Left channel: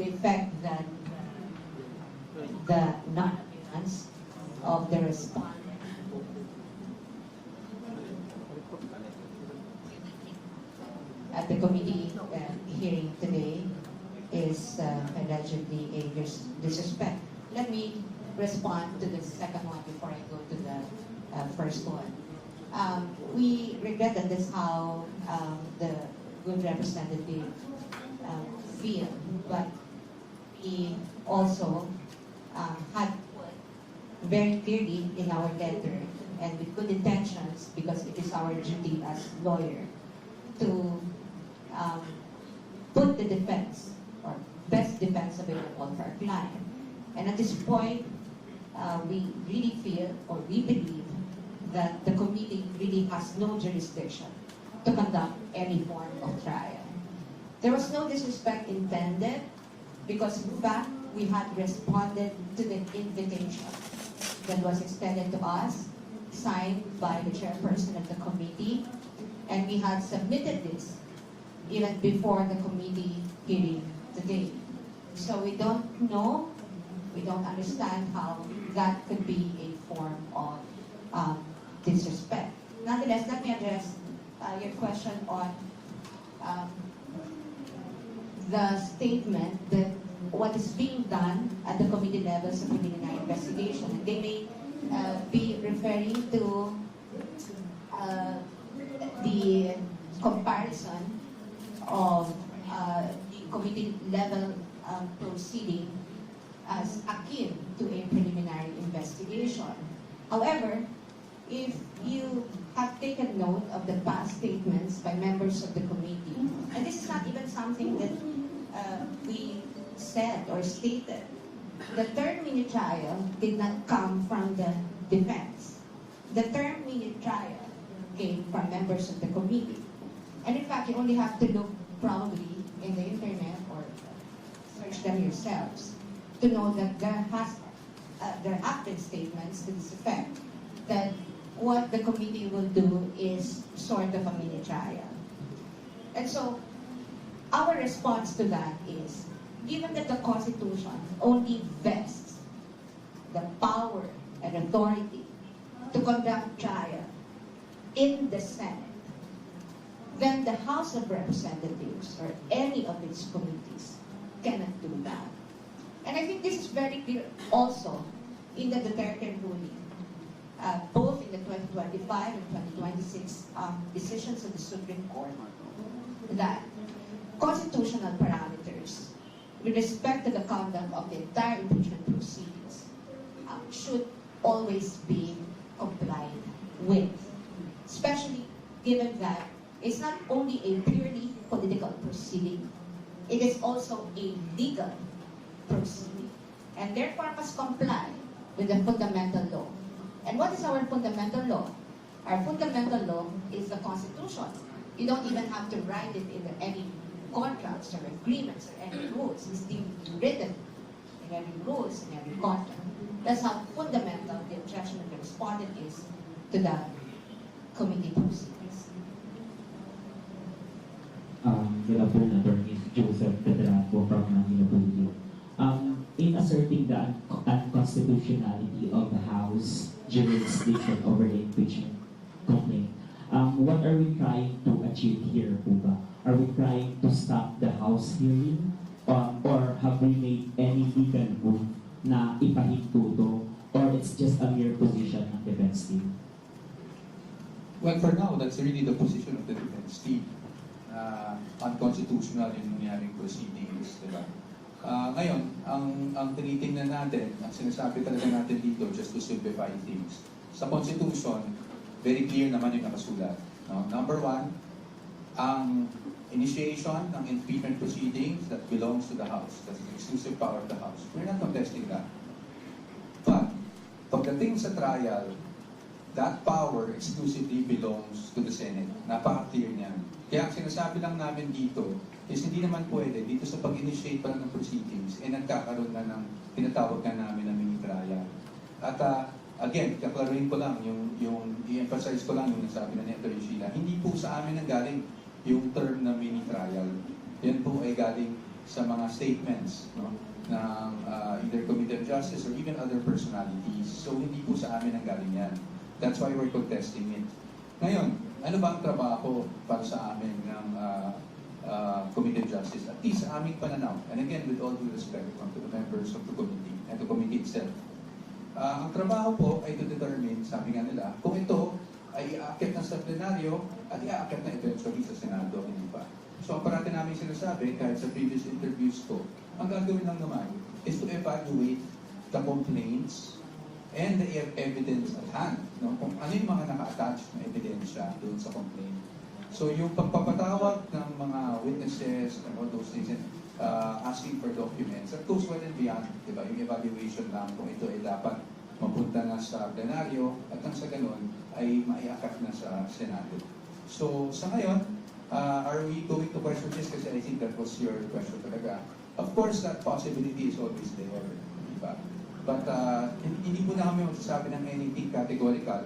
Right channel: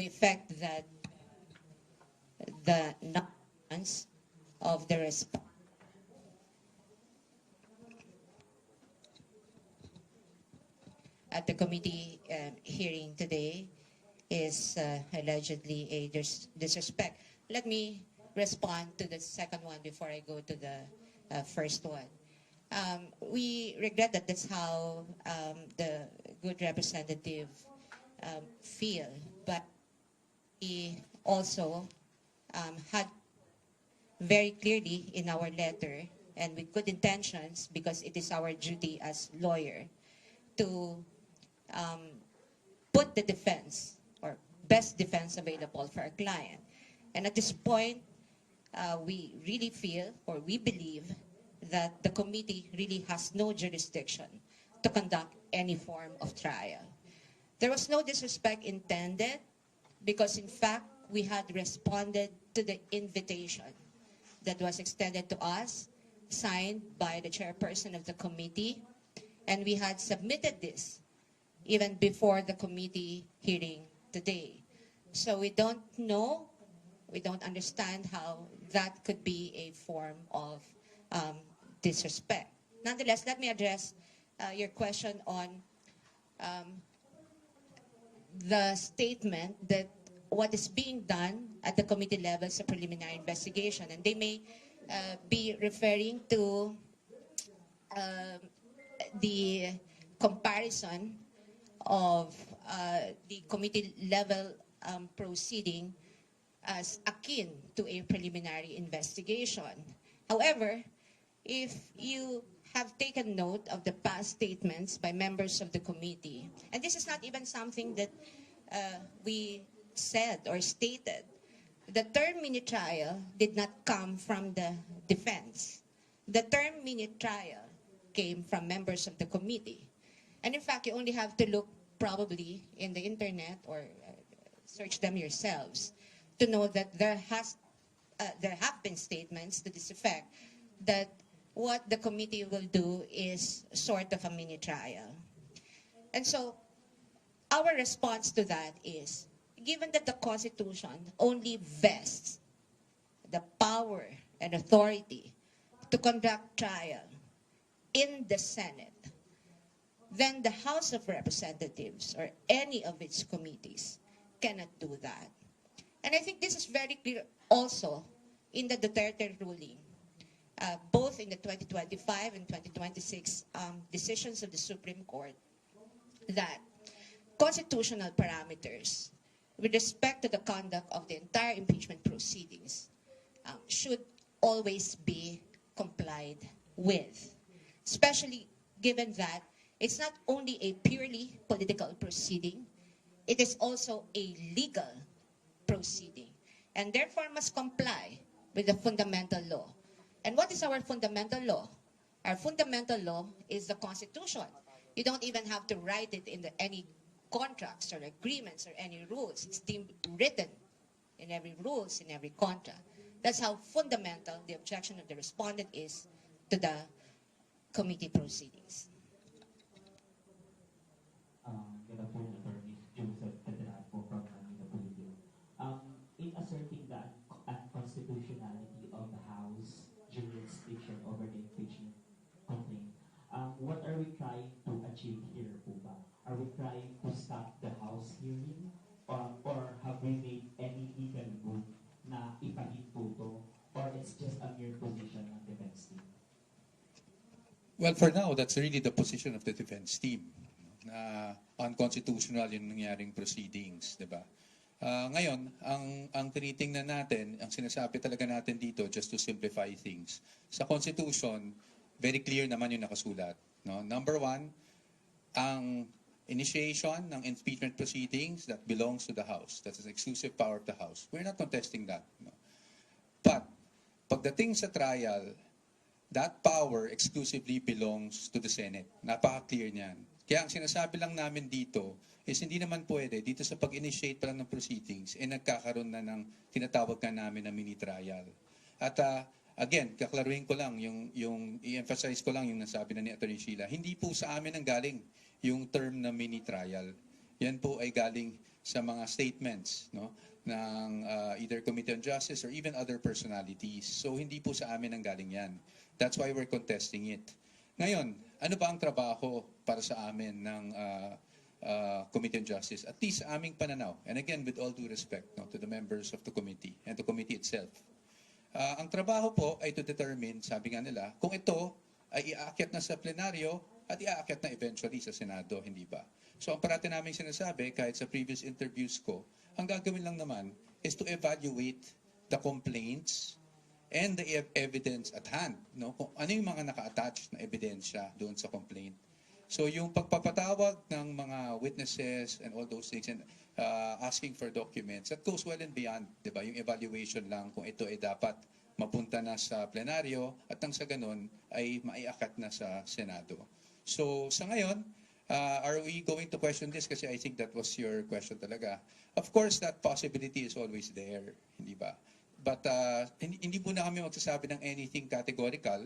the effect that the non-appearance of the respondent at the committee hearing today is allegedly a disrespect. Let me respond to the second one before I go to the first one. We regret that that's how the good representative feel, but we also had very clearly in our letter and with good intentions, because it is our duty as lawyer to put the defense or best defense available for our client. And at this point, we really feel or we believe that the committee really has no jurisdiction to conduct any form of trial. There was no disrespect intended because in fact, we had responded to the invitation that was extended to us, signed by the chairperson of the committee, and we had submitted this even before the committee hearing today. So we don't know, we don't understand how that could be a form of disrespect. Nonetheless, let me address your question on the statement that what is being done at the committee level is a preliminary investigation. And they may be referring to the comparison of the committee level proceeding as akin to a preliminary investigation. However, if you have taken note of the past statements by members of the committee, and this is not even something that we said or stated, the term mini trial did not come from the defense. The term mini trial came from members of the committee. And in fact, you only have to look probably in the internet or search them yourselves to know that there have been statements to this effect that what the committee will do is sort of a mini trial. And so our response to that is, given that the Constitution only vests the power and authority to conduct trial in the Senate, then the House of Representatives or any of its committees cannot do that. And I think this is very clear also in the Duterte ruling, both in the 2025 and 2026 decisions of the Supreme Court, that constitutional parameters with respect to the conduct of the entire impeachment proceedings should always be complied with, especially given that it's not only a purely political proceeding, it is also a legal proceeding, and therefore must comply with the fundamental law. And what is our fundamental law? Our fundamental law is the Constitution. You don't even have to write it in any contracts or agreements or any rules. It's written in every rules, in every contract. That's how fundamental the objection of the respondent is to the committee proceedings. Good afternoon, Attorney Joseph Pedraco from Manila Police. In asserting the unconstitutionality of the House jurisdiction over the impeachment complaint, what are we trying to achieve here, Puba? Are we trying to stop the House hearing? Or have we made any legal move na ipahinto to? Or it's just a mere position ng defense team? Well, for now, that's really the position of the defense team. Unconstitutional yung nangyaring proceedings, di ba? Ngayon, ang tinitingnan natin, ang sinasabi talaga natin dito, just to simplify things, sa Constitution, very clear naman yung nakasulat. No? Number one, ang initiation ng impeachment proceedings that belongs to the House. That's the exclusive power of the House. We're not contesting that. But, pagdating sa trial, that power exclusively belongs to the Senate. Napaka-clear niyan. Kaya ang sinasabi lang namin dito is hindi naman pwede dito sa pag-initiate lang ng proceedings nagkakaroon na ng tinatawag na namin na mini-trial. At again, kaklaruhin ko lang, i-emphasize ko lang yung nasabi na ni Atty. Sheila. Hindi po sa amin ang galing yung term na mini-trial. Yan po ay galing sa mga statements, no, ng either Committee of Justice or even other personalities. So hindi po sa amin ang galing yan. That's why we're contesting it. Ngayon, ano ba ang trabaho para sa amin ng Committee of Justice? At least sa aming pananaw, and again, with all due respect to the members of the committee and the committee itself, ang trabaho po ay to determine, sabi nga nila, kung ito ay iaakit na sa plenaryo at iaakit na eventually sa Senado, hindi ba? So ang parati namin sinasabi, kahit sa previous interviews ko, ang gagawin lang naman is to evaluate the complaints and the evidence at hand. No? Kung ano yung mga naka-attach na ebidensya doon sa complaint. So yung pagpapatawag ng mga witnesses and all those things and asking for documents, that goes well and beyond, di ba? Yung evaluation lang kung ito ay dapat mapunta na sa plenaryo at nang sa ganun ay maiakat na sa Senado. So sa ngayon, are we going to question this? Kasi I think that was your question talaga. Of course, that possibility is always there, di ba? But hindi po na kami magsasabi ng anything categorical.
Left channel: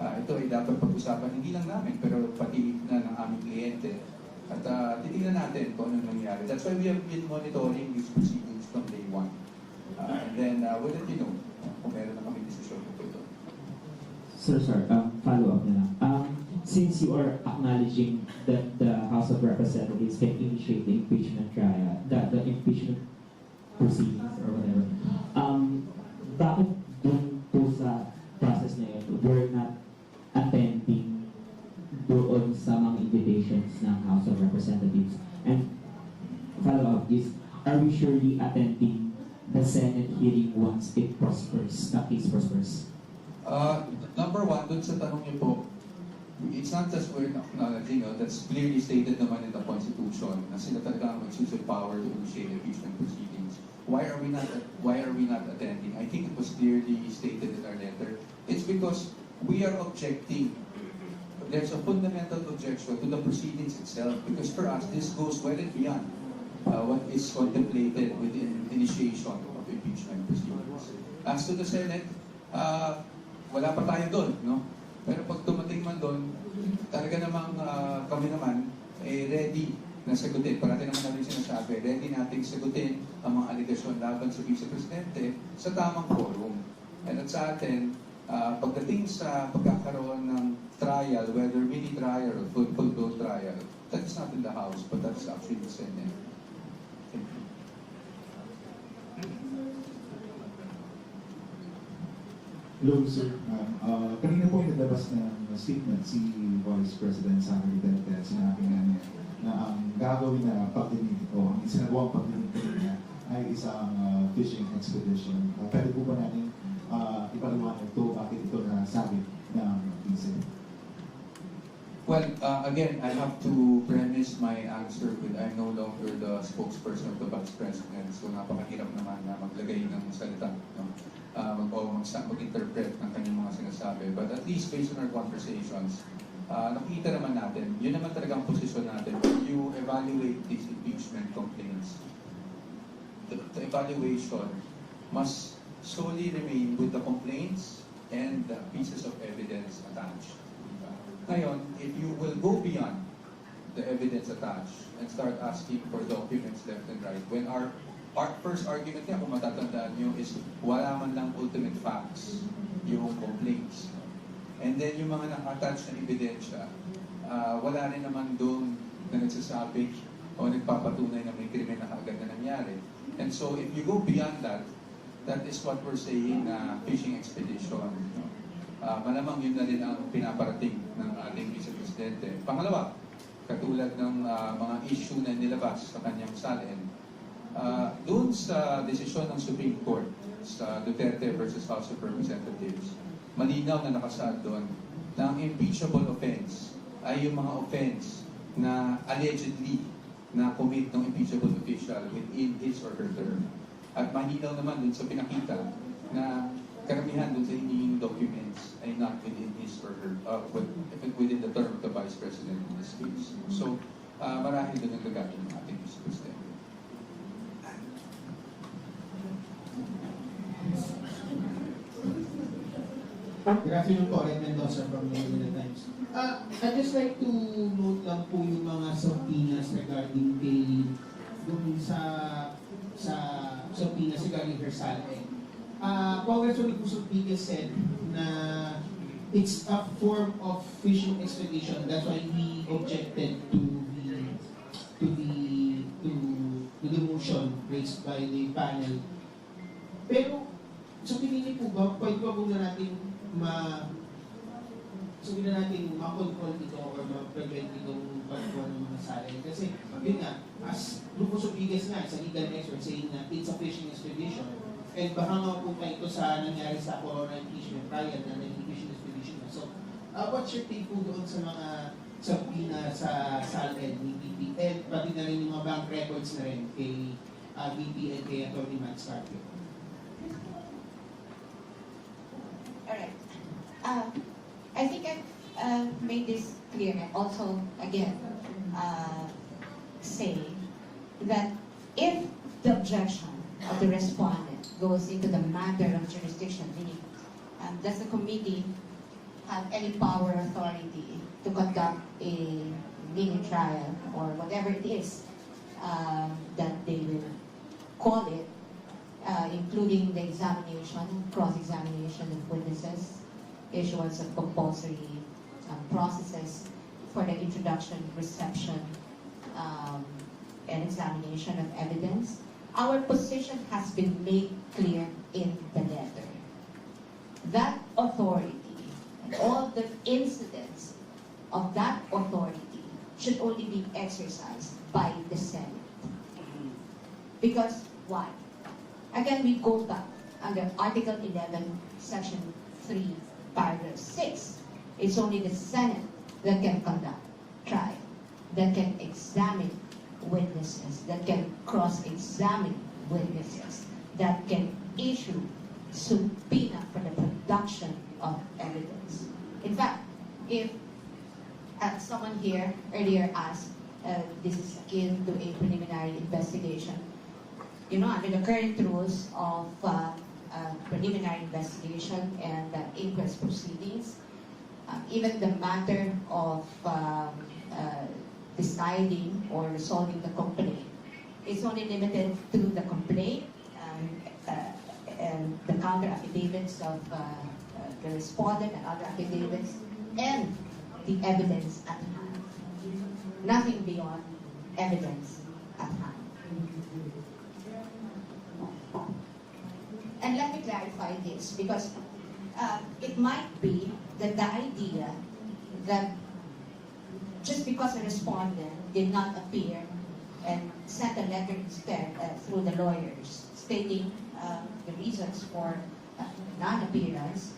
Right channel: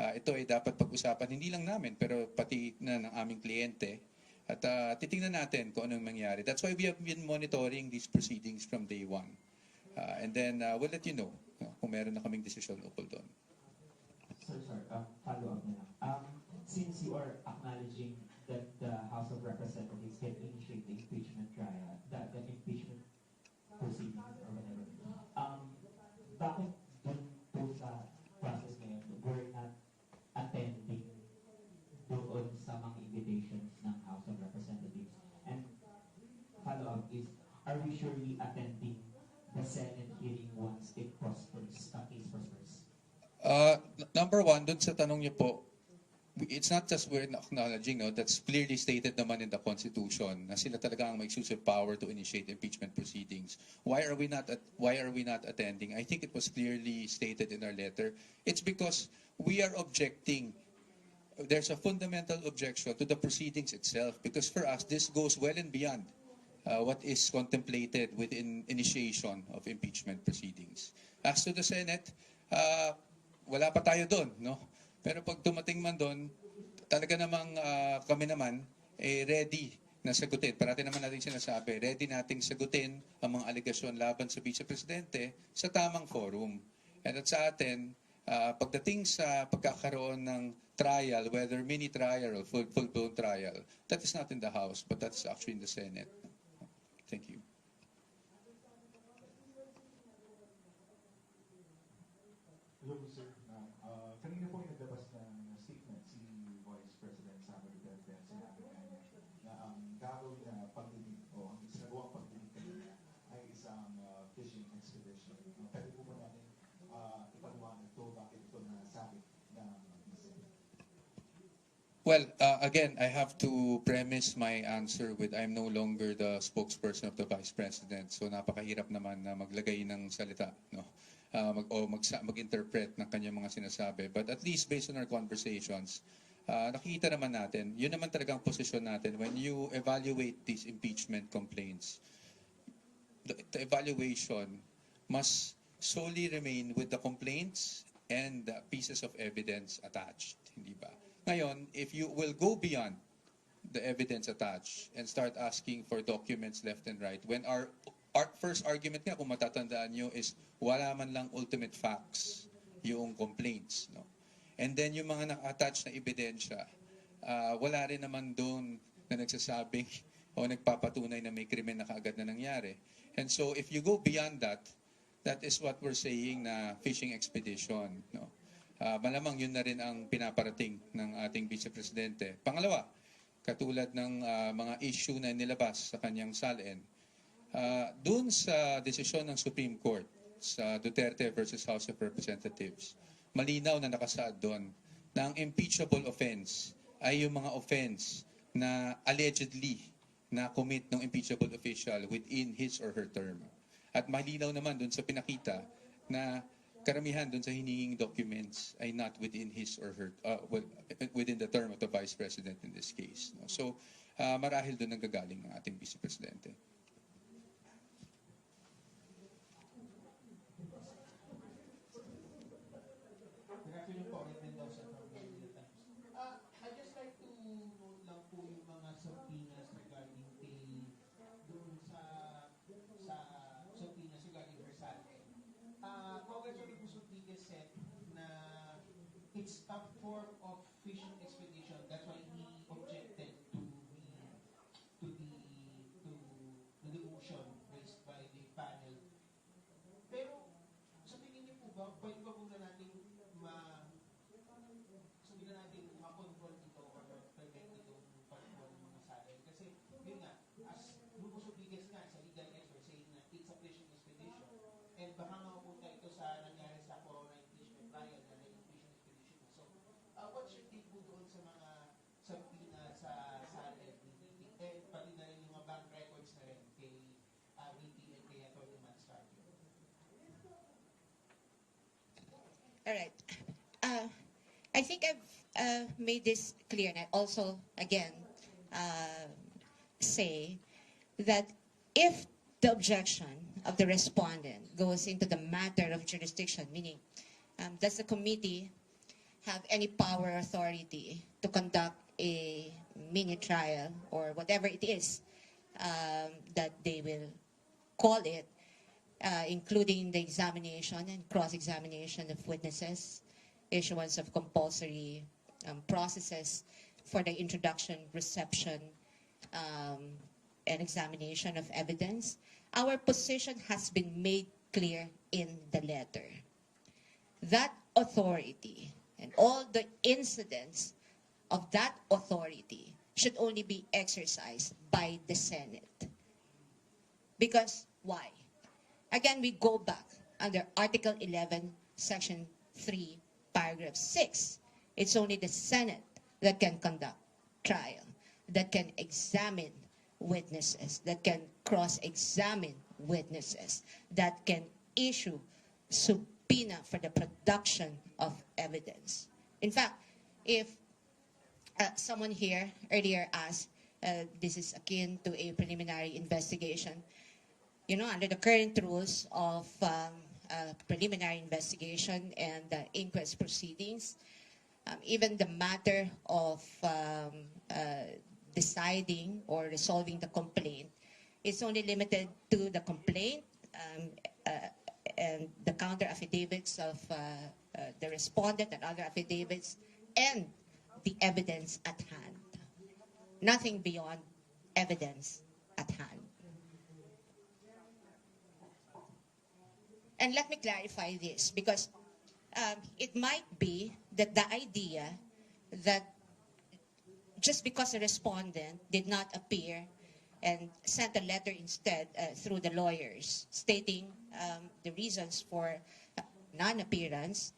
Ito ay dapat pag-usapan hindi lang namin, pero pati na ng aming kliyente. At titingnan natin kung anong mangyari. That's why we have been monitoring these proceedings from day one. And then we'll let you know kung meron na kaming desisyon tungkol doon. Sir, follow-up na lang. Since you are acknowledging that the House of Representatives can initiate the impeachment trial, the impeachment proceedings or whatever, bakit dun po sa process na yun, we're not attending doon sa mga invitations ng House of Representatives? And follow-up is, are we surely attending the Senate hearing once it prospers, the case prospers? Number one, dun sa tanong niyo po, it's not just we're acknowledging, no, that's clearly stated naman in the Constitution na sila talaga ang exclusive power to initiate impeachment proceedings. Why are we not attending? I think it was clearly stated in our letter. It's because we are objecting. There's a fundamental objection to the proceedings itself because for us, this goes well and beyond what is contemplated within initiation of impeachment proceedings. As to the Senate, wala pa tayo doon, no? Pero pag dumating man doon, talaga namang kami naman ready na sagutin. Parati naman natin sinasabi, ready nating sagutin ang mga alegasyon laban sa Vice Presidente sa tamang forum. And at sa atin, pagdating sa pagkakaroon ng trial, whether mini trial or full-blown trial, that is not in the House, but that's actually in the Senate. Thank you. Hello, sir. Kanina po yung naglabas ng statement si Vice President Sara Duterte at sinabi nga niya na ang gagawin na pagdinig o ang isinagawang pagdinig niya ay isang fishing expedition. Pwede po ba natin ipaliwanag ito bakit ito nasabi ng vice? Well, again, I have to premise my answer with I'm no longer the spokesperson of the Vice President, so napakahirap naman na maglagay ng salita, no? Mag-interpret ng kanyang mga sinasabi. But at least based on our conversations, nakita naman natin, yun naman talaga ang posisyon natin. When you evaluate these impeachment complaints, the evaluation must solely remain with the complaints and the pieces of evidence attached. Diba? Ngayon, if you will go beyond the evidence attached and start asking for documents left and right, when our first argument nga, kung matatandaan nyo, is wala man lang ultimate facts yung complaints. And then yung mga naka-attach na ebidensya, wala rin naman doon na nagsasabi o nagpapatunay na may krimen na kaagad na nangyari. And so if you go beyond that, that is what we're saying na fishing expedition. No? Malamang yun na rin ang pinaparating ng ating Vice Presidente. Pangalawa, katulad ng mga issue na nilabas sa kanyang salin, doon sa desisyon ng Supreme Court sa Duterte versus House of Representatives, malinaw na nakasaad doon na ang impeachable offense ay yung mga offense na allegedly na commit ng impeachable official within his or her term. At malinaw naman doon sa pinakita na karamihan doon sa hinihing documents ay not within his or her, within the term of the Vice President in this case. So, marahil doon nagagamit ng ating Vice Presidente. Good afternoon po, Red Mendoza from the Manila Times. I'd just like to note lang po yung mga subpoenas regarding kay dun sa Saleh. Congressman Yusuf Piquez said na it's a form of fishing expedition. That's why we objected to the motion raised by the panel. Pero sa tingin niyo po ba, pwede ba po na natin ma-control ito or ma-prevent itong pagkuha ng mga salay? Kasi yun nga, as Rufus Opigas nga, sa legal expert saying na it's a fishing expedition. And baka nga po pa ito sa nangyari sa Corona impeachment trial na naging fishing expedition na. So, what's your take po doon sa mga sabina sa SALED ni BP and pati na rin yung mga bank records na rin kay BP and kay Atty. Matt Scarpio? Alright. I think I've made this clear and also, again, say that if the objection of the respondent goes into the matter of jurisdiction, meaning does the committee have any power or authority to conduct a mini trial or whatever it is that they will call it, including the examination and cross-examination of witnesses, issuance of compulsory processes for the introduction, reception, and examination of evidence. Our position has been made clear in the letter. That authority and all the incidents of that authority should only be exercised by the Senate. Because why? Again, we go back under Article 11, Section 3, Paragraph 6. It's only the Senate that can conduct trial, that can examine witnesses, that can cross-examine witnesses, that can issue subpoena for the production of evidence. In fact, if someone here earlier asked, this is akin to a preliminary investigation, you know, under the current rules of preliminary investigation and inquest proceedings, even the matter of deciding or resolving the complaint is only limited to the complaint and the counter affidavits of the respondent and other affidavits and the evidence at hand. Nothing beyond evidence at hand. And let me clarify this because it might be that the idea that just because a respondent did not appear and sent a letter instead through the lawyers stating the reasons for non-appearance,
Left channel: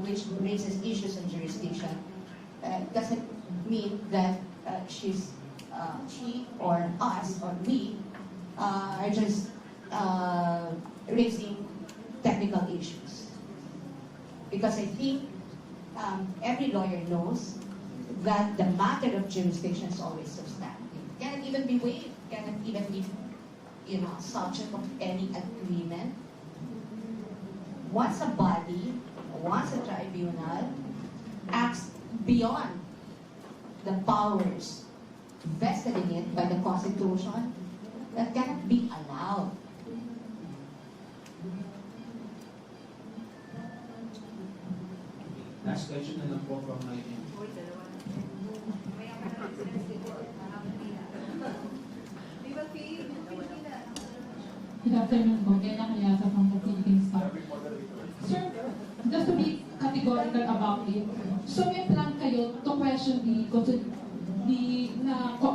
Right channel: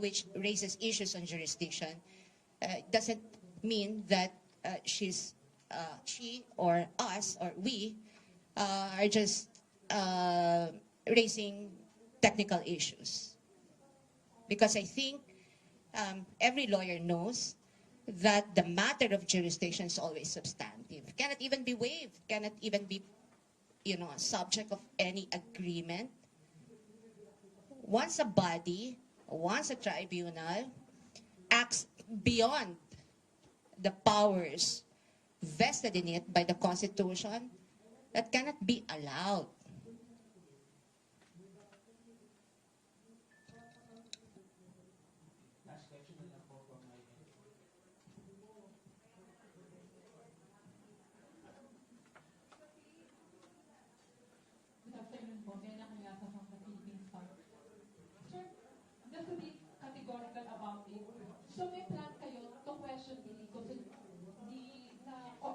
which raises issues on jurisdiction, doesn't mean that she or us or we are just raising technical issues. Because I think every lawyer knows that the matter of jurisdiction is always substantive. Cannot even be waived, cannot even be, subject of any agreement. Once a body, once a tribunal acts beyond the powers vested in it by the Constitution, that cannot be allowed. Last question na lang po from my end. Good afternoon po. Kaya Kayasa from the Philippines Star. Sir, just to be categorical about it, so may plan kayo to question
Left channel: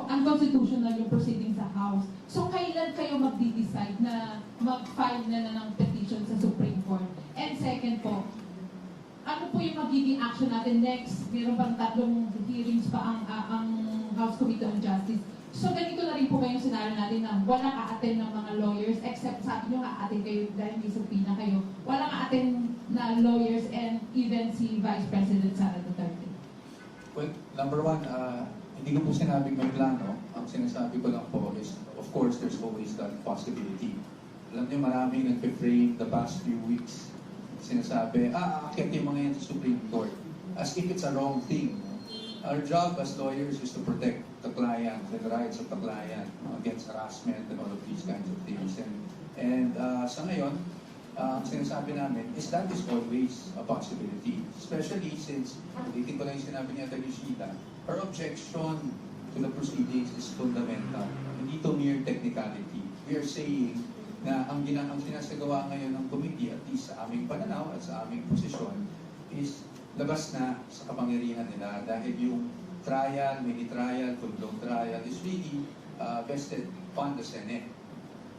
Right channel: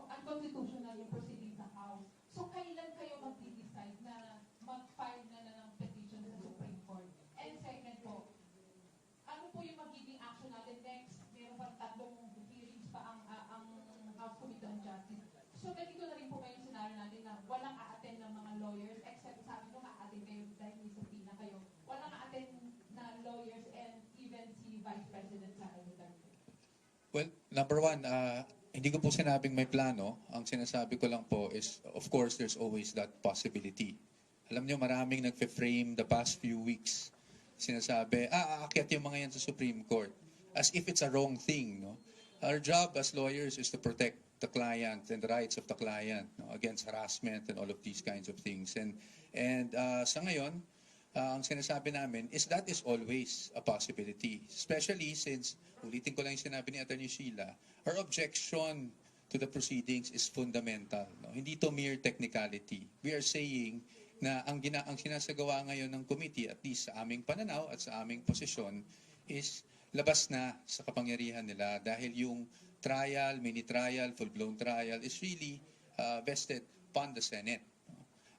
unconstitutional yung proceeding sa House. So kailan kayo magdi-decide na mag-file na ng petition sa Supreme Court? And second po, ano po yung magiging action natin next? Meron bang 3 hearings pa ang House Committee on Justice? So ganito na rin po kayong scenario natin na walang a-attend ng mga lawyers except sabi nyo a-attend kayo dahil may subpoena kayo. Walang a-attend na lawyers and even si Vice President Sara Duterte. Well, number one, hindi ko po sinabing may plano. Ang sinasabi ko lang po is, of course, there's always that possibility. Alam nyo, maraming nagpe-frame the past few weeks. Sinasabi, aakyat yung mga yan sa Supreme Court. As if it's a wrong thing. Our job as lawyers is to protect the client and the rights of the client against harassment and all of these kinds of things. And And sa ngayon, ang sinasabi namin is that is always a possibility. Especially since, itin ko lang yung sinabi ni Atty. Sheila, our objection to the proceedings is fundamental. Hindi to mere technicality. We are saying na ang sinasagawa ngayon ng committee, at least sa aming pananaw at sa aming posisyon, is labas na sa kapangyarihan nila dahil yung trial, mini-trial, full-blown trial is really vested upon the Senate.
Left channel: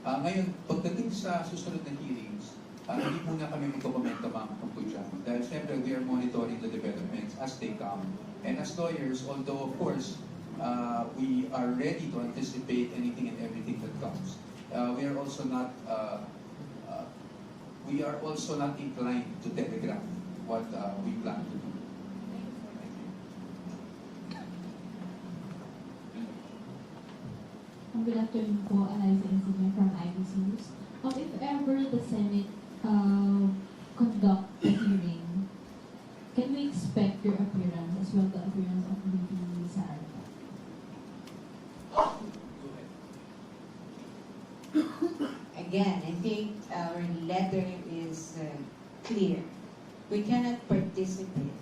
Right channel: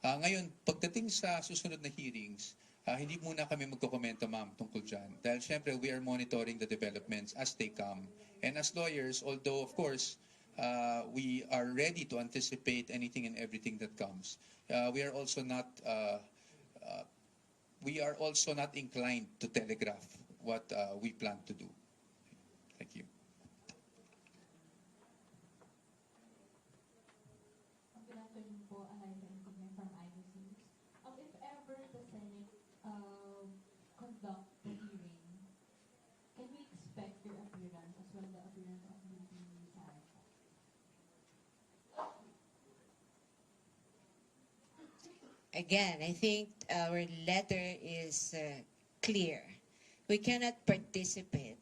Ngayon, pagdating sa susunod na hearings, hindi muna kami magkokomento ma'am tungkol dyan. Dahil syempre, we are monitoring the developments as they come. And as lawyers, although of course, we are ready to anticipate anything and everything that comes, we are also not inclined to telegraph what we plan to do. Thank you. Good afternoon po, Eliza Insigne from IBC News. If ever the Senate conduct the hearing, can we expect your appearance as well, the appearance of VP Sara? Again, I think our letter is clear. We cannot participate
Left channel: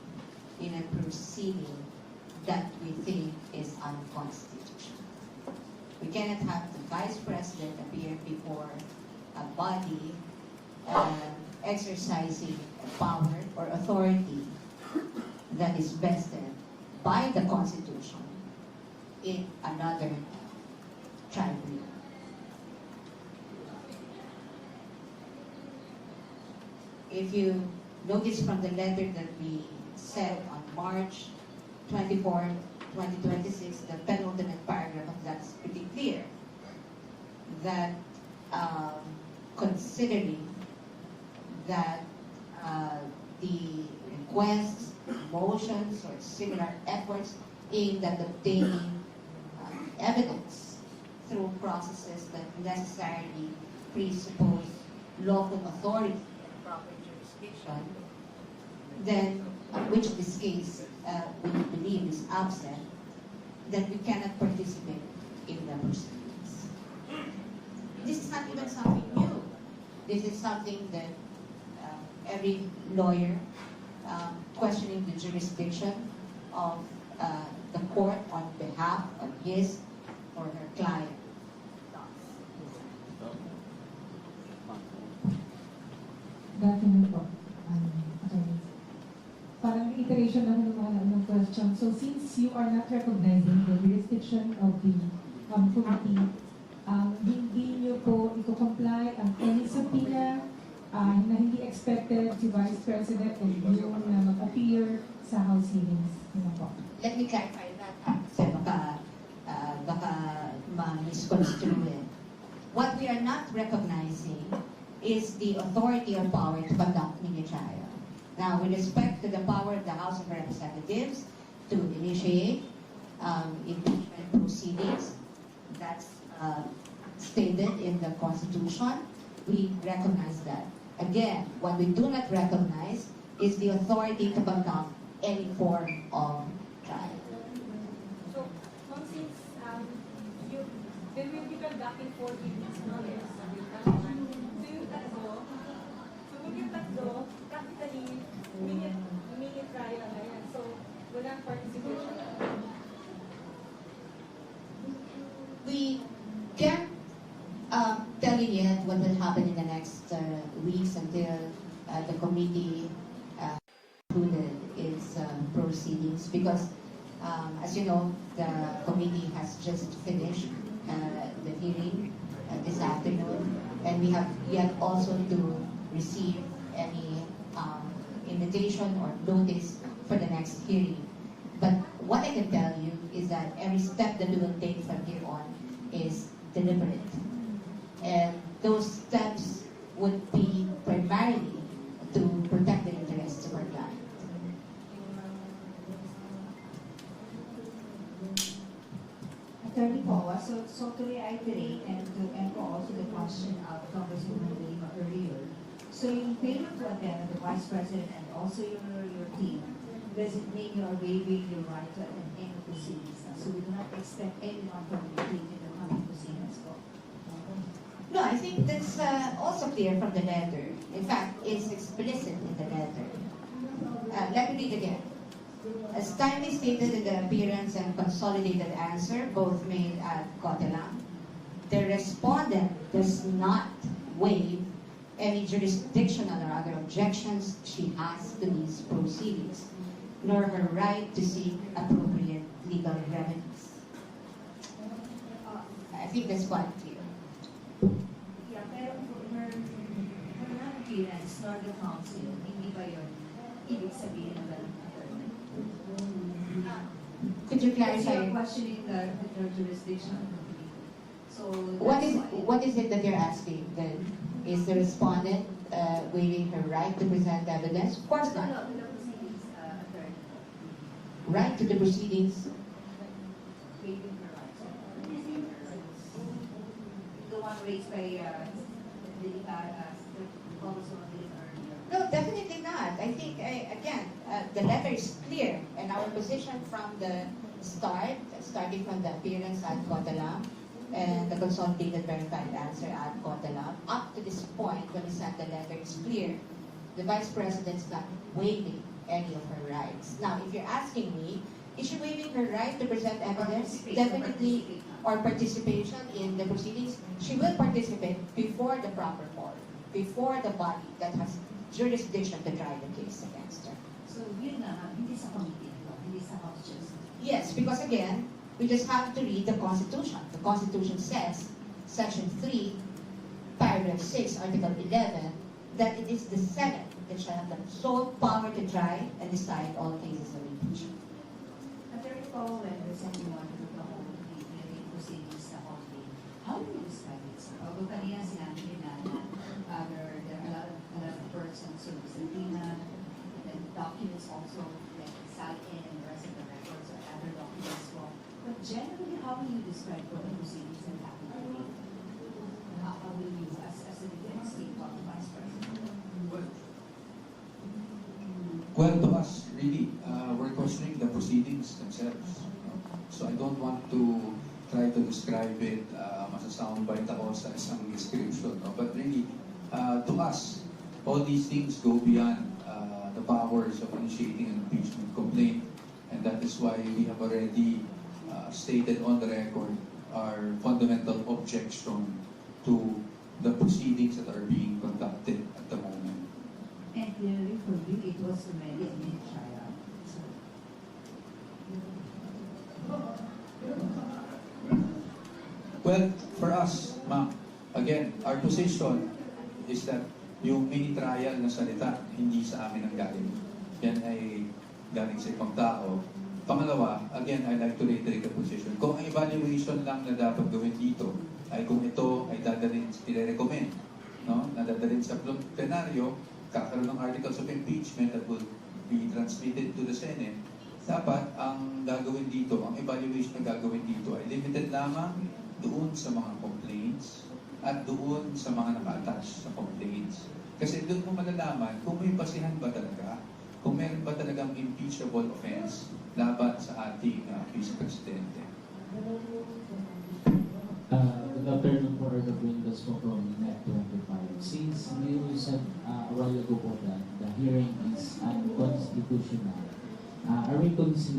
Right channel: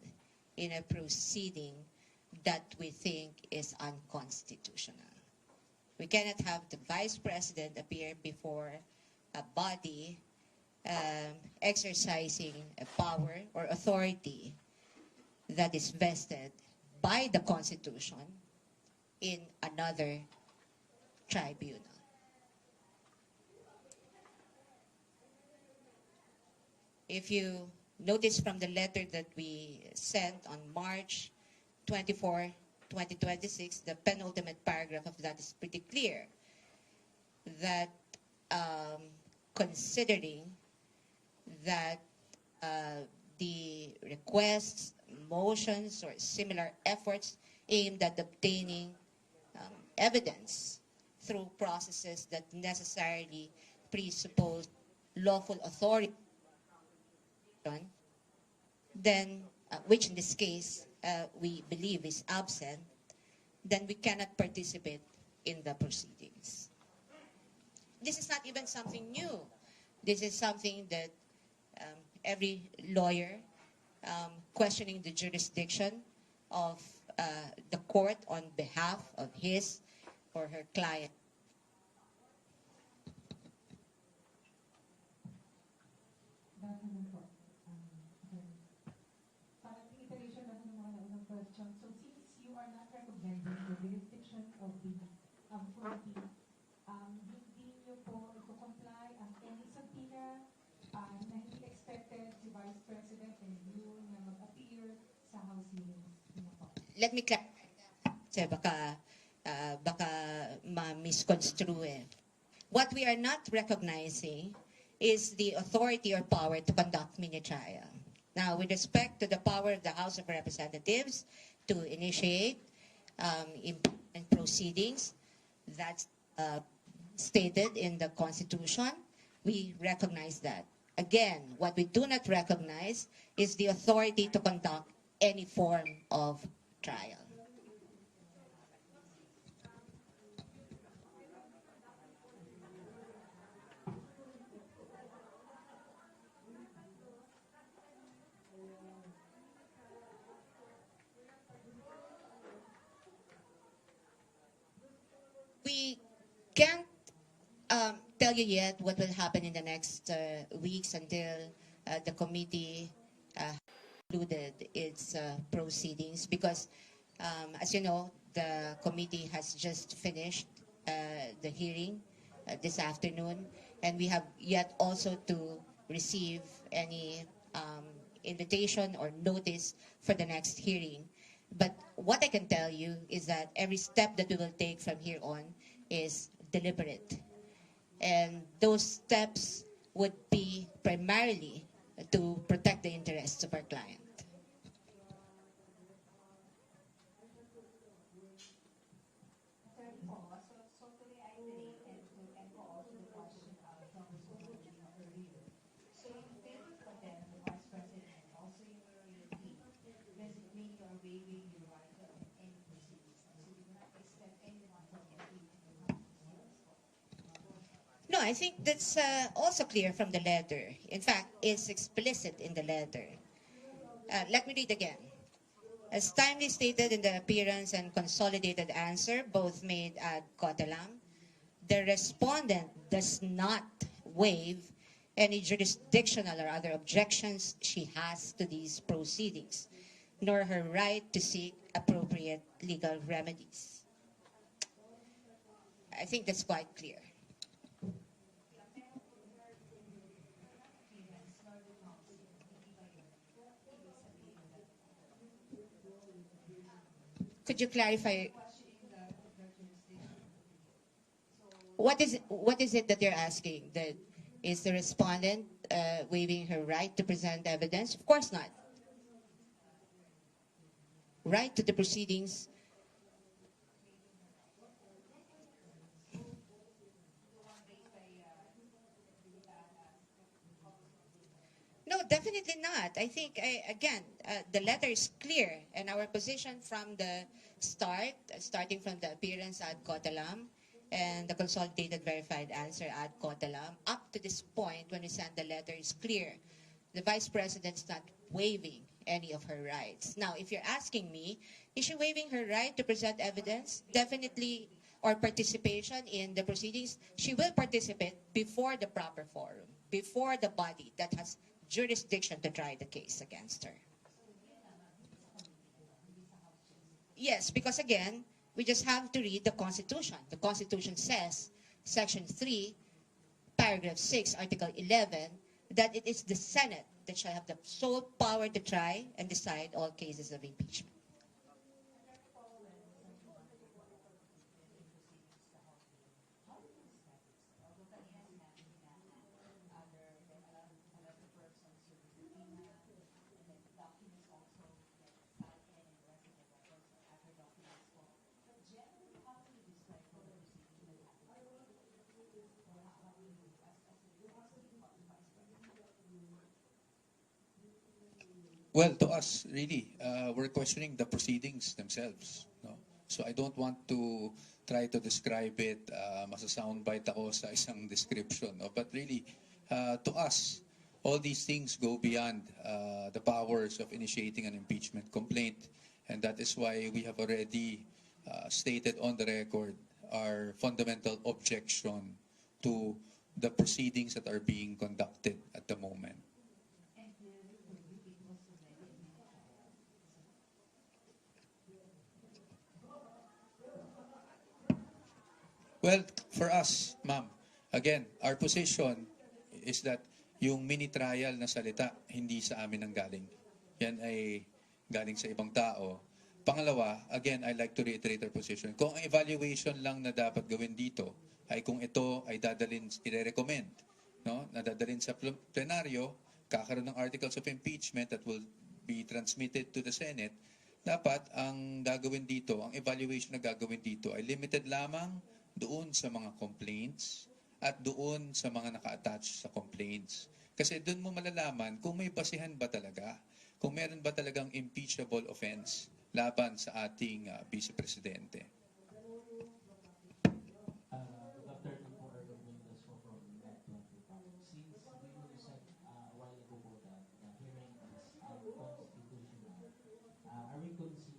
in a proceeding that we think is unconstitutional. We cannot have the Vice President appear before a body exercising power or authority that is vested by the Constitution in another tribunal. If you notice from the letter that we sent on March 24, 2026, the penultimate paragraph of that is pretty clear that considering that the requests, motions, or similar efforts aimed at obtaining evidence through processes that necessarily presuppose lawful authority, proper jurisdiction, then, which in this case we believe is absent, then we cannot participate in the proceedings. This is not even something new. This is something that every lawyer questioning the jurisdiction of the court on behalf of his or her client. Definitely po. Attorney. Parang iteration lang ng mga question. So since you are not recognizing the jurisdiction of the committee, hindi niyo po iko-comply ang any subpoena na hindi expected si Vice President o you na mag-appear sa House hearings. Yun po. Let me clarify that. Kasi baka ma-misconstrue eh. What we are not recognizing is the authority or power to conduct mini-trial. Now, with respect to the power of the House of Representatives to initiate impeachment proceedings, that's stated in the Constitution. We recognize that. Again, what we do not recognize is the authority to conduct any form of trial. So, since they will be conducting 4 hearings, no? So yung tatlo, practically, mini trial na yan. So, walang participation. We can't tell you yet what will happen in the next weeks until the committee concluded its proceedings, because as you know, the committee has just finished the hearing this afternoon, and we have yet also to receive any invitation or notice for the next hearing. But what I can tell you is that every step that we will take from here on is deliberate. And those steps would be primarily to protect the interests of our client. Attorney Poa, so to reiterate and to echo also the question of Congresswoman Lima earlier, so yung failure to attend the Vice President and also your team, does it mean you are waiving your right to attend any proceedings? So we do not expect anyone from your team in the coming proceedings. No, I think think that's also clear from the letter. In fact, it's explicit in the letter. Let me read again. As timely stated in the appearance and consolidated answer, both made at Cotelang, the respondent does not waive any jurisdictional or other objections she has to these proceedings, nor her right to seek appropriate legal remedies. I think that's quite clear. Yeah, pero her non-appearance nor the counsel, hindi ba yun ibig sabihin ng ganun attorney? Could you So clarify? you're questioning the jurisdiction. So What is it that they're asking then? Is the respondent waiving her right to present evidence? Of course not. No, the proceedings, attorney. Right to the proceedings. Waiving her rights. The one raised by the Congresswoman earlier. No, definitely not. I think, again, the letter is clear, and our position from the start, starting from the appearance at Cotelang, and the consolidated verified answer at Cotelang, up to this point when we sent the letter, is clear. The Vice President's not waiving any of her rights. Now, if you're asking me, is she waiving her right to present evidence? Definitely, or participation in the proceedings. She will participate before the proper forum, before the body that has jurisdiction to try the case against her. So yun na, hindi sa committee, hindi sa House Justice. Yes, because again, we just have to read the Constitution. The Constitution says, Section 3, Paragraph 6, Article 11, that it is the Senate that shall have the sole power to try and decide all cases of impeachment. Attorney Paul, when the Senate wanted to hold the hearing proceedings sa committee, how do you describe it, sir? Although kanina sinabi niyo na there are a lot of persons who subpoena and documents also like sat in and the rest of the records or other documents well. But generally, how will you describe what the proceedings that happened today? And how will you, as a defense team, talk to Vice President? Well, to us, really, we're questioning the proceedings themselves. No? So I don't want to try to describe it, masasoundbite ako sa isang description. No? But really, to us, all these things go beyond the powers of initiating an impeachment complaint. And that is why we have already stated on the record our fundamental objection to the proceedings that are being conducted at the moment. And clearly for you, it was already a mid-trial. Well, for us, ma'am, again, our position is that yung mini-trial na salita, hindi sa amin ang galing. Yan ay galing sa ibang tao. Pangalawa, again, I'd like to reiterate the position. Kung ang evaluation lang na dapat gawin dito, ay kung ito ay dadalhin, i-recommend, no? Na dadalhin sa plenaryo, kakaroon ng articles of impeachment that will be transmitted to the Senate, dapat ang gagawin dito, ang evaluation na gagawin dito ay limited lamang doon sa mga complaints at doon sa mga naka-attach sa complaints. Kasi doon mo malalaman kung may basihan ba talaga, kung meron ba talagang impeachable offense laban sa ating Vice Presidente. Good afternoon po, Earl Windows po from Net25. Since you said a while ago po that the hearing is unconstitutional, are we considering